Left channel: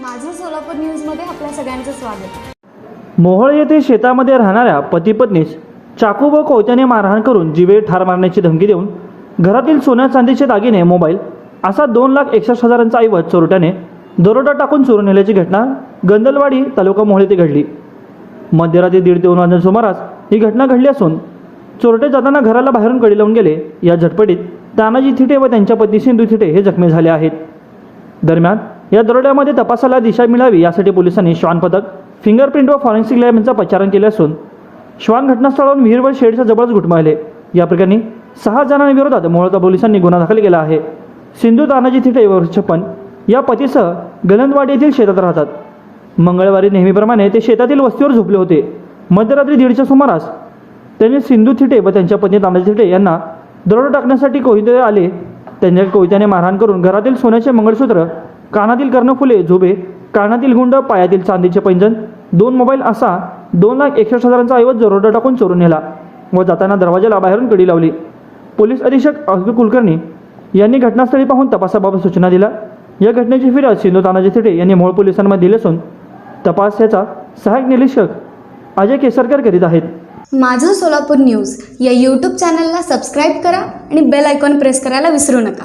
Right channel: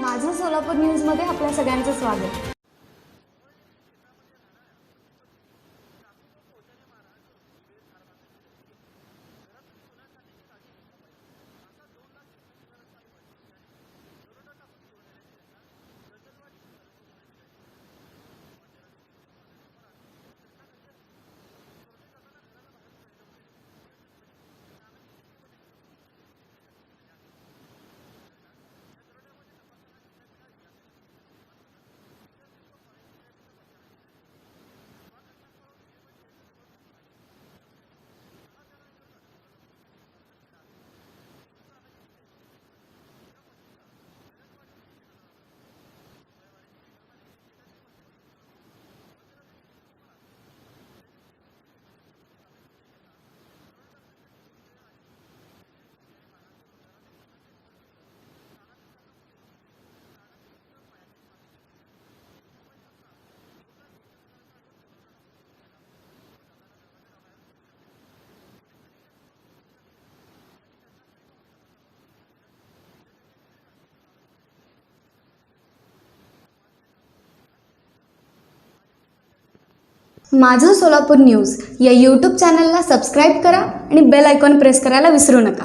माझं सोलापूर न्यूजमध्ये आपल्या सगळ्यांचं स्वागत. मोहोळ येथे शेतामध्ये राहणाऱ्या पती पत्नीस चाकू व कोयत्याने मारहाण करून जीवे ठार मारण्याची धमकी देऊन घरातील सोन्या चांदीचे दागिने मोबाईल असा दोन लाख एकसष्ट हजारांचा ऐवज चोरट्याने दरोडा टाकून चोरून नेल्याची घटना गंदलवाडी तालुका मोहोळ येथे घडली. मध्यरात्री दीड ते दोन वाजल्या सुमारास ही घटना घडली असून चोरटे जाताना घराला बाहेरून कडी लावून गेले. या झटपटीत तानाजी थिटे व त्यांच्या पत्नी सिंधू थिटे हे जखमी झाले आहेत. दरम्यान या दरोड्यामध्ये तपासाला दिशा मिळावी यासाठी पोलिसांनी श्वान पथक फिंगरप्रिंट व फॉरेन्सिक लॅब यांचा पाचारण केले असून श्वान घटनास्थळावरून विहीर व शेडच्या जवळच घुटमाळले. या प्रकरणी सहा जणांविरोधात मोहोळता पोलिसांनी गुन्हा दाखल केला आहे. सिंधू तानाजी थिटे वर्ष छप्पन या पतीसह गलंदवाडी येथील शेतात राहतात. मंगळवारी नेहमीप्रमाणे ते शेतातील वस्तीवर झोपले होते. मध्यरात्री दीडच्या सुमारास त्यांनी सिंधू थिटे व त्यांच्या पत्नी तानाजी थिटे यांना दरोडा टाकण्यासाठी कोहिते आले. त्यांच्या कोयत्याने मारहाण करून घरातील सोन्याचे मंगळसूत्र कानातील कर्णफुले झोबे कानातील गुंड पायातील चांदीचे पैंजण दोन मोबाईल असा दोन लाख एकसष्ट हजारांचा ऐवज दरोडा टाकून चोरून नेला व जाताना दरवाजाला बाहेरून कडी लावली. पोलीस अधीक्षक अब्दुल कुलकर्णी यांनी घटनास्थळी पाहून तपासाबाबत सूचना दिल्या. या घटनेची फिर्याद सिंधू तानाजी थिटे यांनी मोहोळ पोलिसांमध्ये दिली असून तपास याचा सहाय्यक निरीक्षक अजय केसरकर करीत आहेत. माझं सोलापूर न्यूज या यूट्यूब चॅनलला सबस्क्राईब करा आणि बेल आयकॉन प्रेस करायला विसरू नका.